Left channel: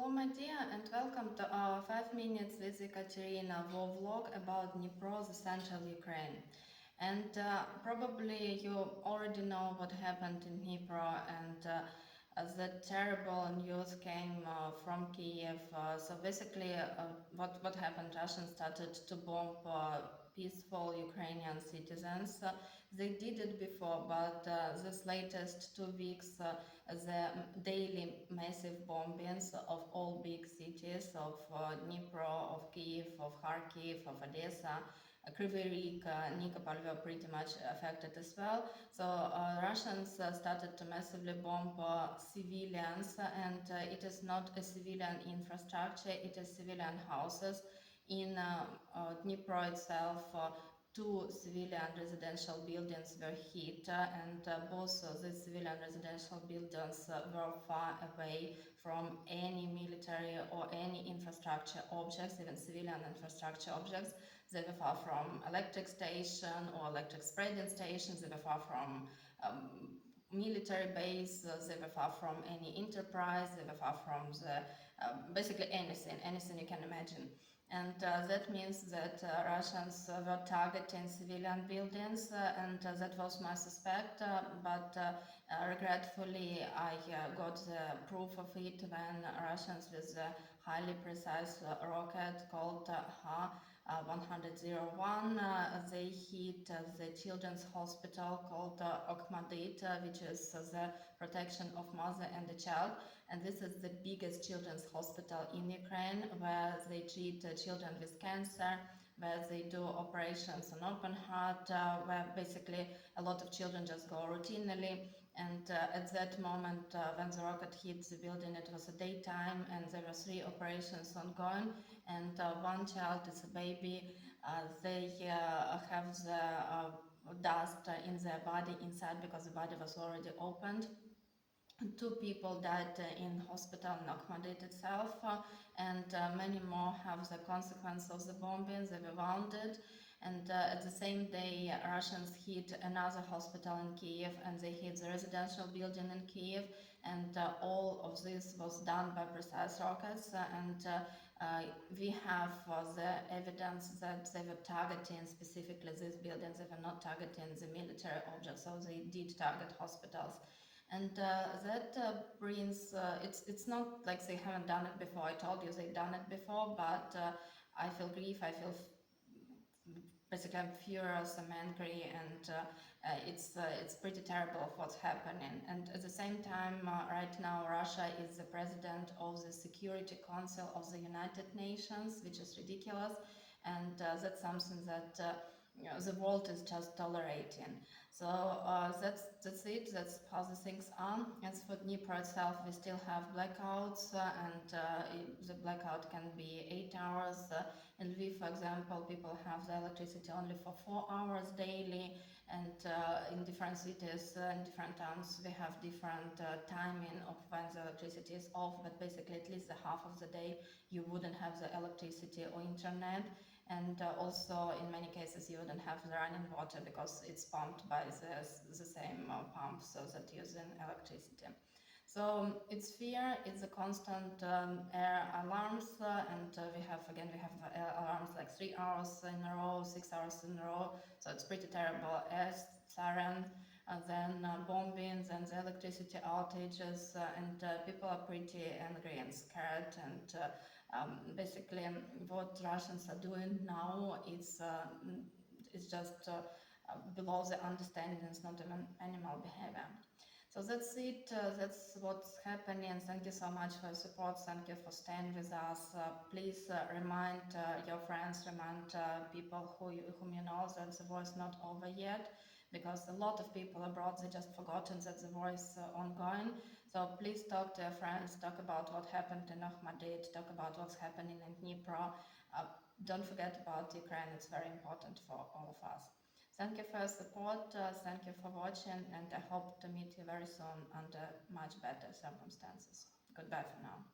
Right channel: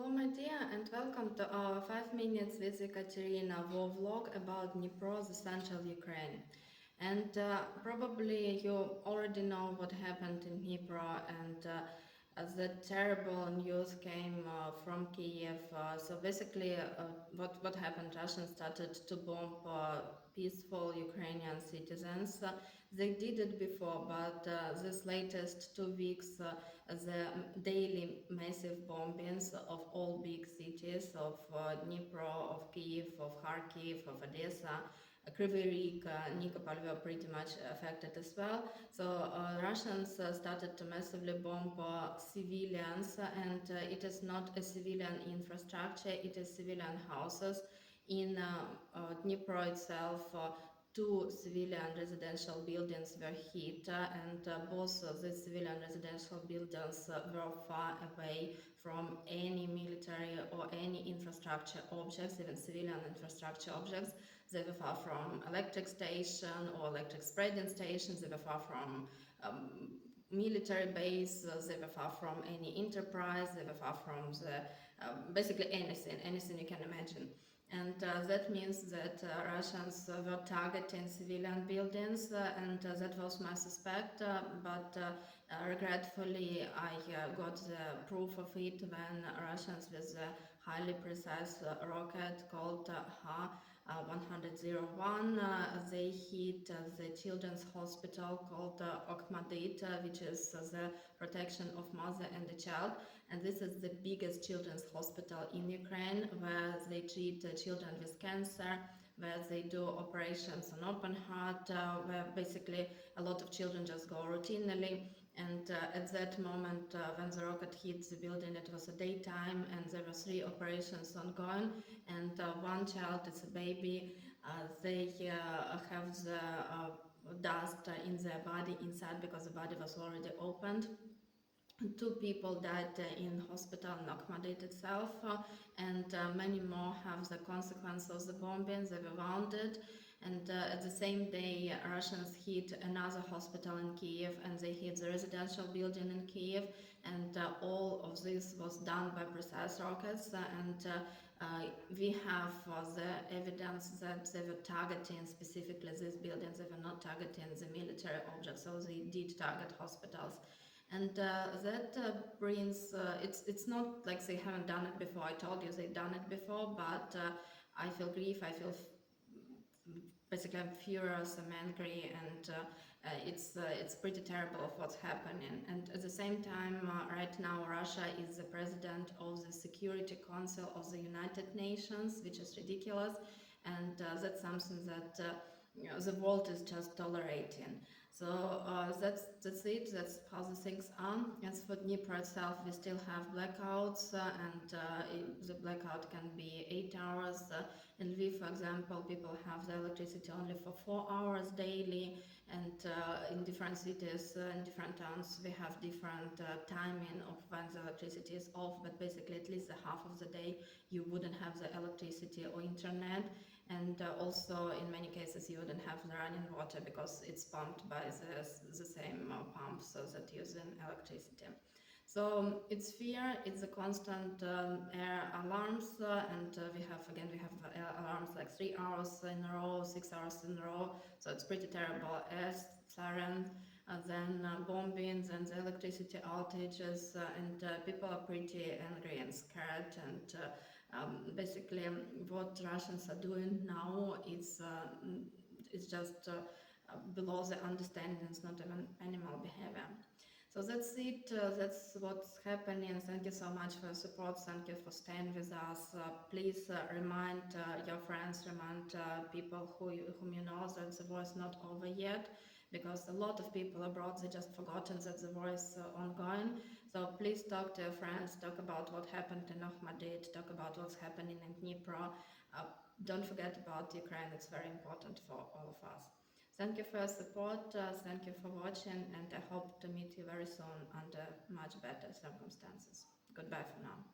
Hello my dear, and welcome to our 5 minutes with Ekaterina vlog about Dnipro, the central Ukraine. And probably you already know what happened in Dnipro, and the terrible news came from Kiev. So basically what happened, Russians started to bomb peaceful Ukrainian citizens. They did it before, but this latest 2 weeks the daily massive bombings of all big cities of Dnipro, of Kiev, of Kharkiv, of Odessa, Kryvyi Rih, Nikopol were pretty much affected as well. So Russians started to massively bomb civilians, and it is not a civilian infrastructure, it is civilian houses. In Dnipro itself, 2 civilian residential buildings were hit, and both the civilian residential buildings were far away from any military or any infrastructure objects, even civilian infrastructure objects. They were far from electric station or electric spreading stations, they were far from military base, they were far from any enterprise, they were far from the basically anything you can imagine. And that means that Russians were targeting civilian buildings, and that was my suspect, but regretfully I got the proof of it when Russians with a highly precise rocket called Ha-101, they hit the children's hospital called Okhmadit, which is the protection of mother and the child, and this is the biggest children's hospital in Ukraine, where they treat children with cancer, where they do operations on open heart, where basically a lot of children just go routinely. And at that moment, when the rocket hit the building, it was a daytime, and there were 3 operations ongoing, and one child is a baby. They have the dust in their body inside because the body was already opened. 2 people died in hospital in Okhmadit itself, and many more have the consequence of the bombings. They were wounded, and at the same day Russians hit another hospital in Kiev, and they hit the residential building in Kiev, and all of this was done by precise rockets, and we have the evidence that they were targeting specifically these buildings. They were not targeting the military objects, so they did target hospitals. And that brings, it's not like they haven't done it before. I told you they've done it before, but I feel grief, I feel basically I'm furious, I'm angry, and it's pretty terrible of what's happening. And at the same time, right now Russia is the president of the Security Council of the United Nations, which is ridiculous, and that's something that the world is just tolerating. So that's it, that's how the things are. As for Dnipro itself, we still have blackouts, and the blackout can be 8 hours. In Lviv, for example, people have the electricity only for 4 hours daily, and in different cities, in different towns, we have different timing of when the electricity is off, but basically at least the half of the day you wouldn't have the electricity or internet. And also in many cases you wouldn't have the running water because it's pumped by the same pumps that use electricity. So it's fear, it's a constant air alarms, and we have alarms like 3 hours in a row, 6 hours in a row, so it's pretty terrible. Air siren, then bombings and the electricity outages, and people are pretty angry and scared, and basically what Russians are doing now is just below the understanding. It's not even animal behavior. So that's it, that's what's happening. Thank you so much for your support, thank you for staying with us. Please remind your friends, remind people whom you know that the war is not over yet, because a lot of people abroad, they just forgotten that the war is ongoing. So please talk to your friends, talk about what happened in Okhmadit, talk about what's happening in Dnipro. Don't forget about Ukraine, it's very important for all of us. Thank you for your support, thank you for watching, and I hope to meet you very soon under much better circumstances. Goodbye for now.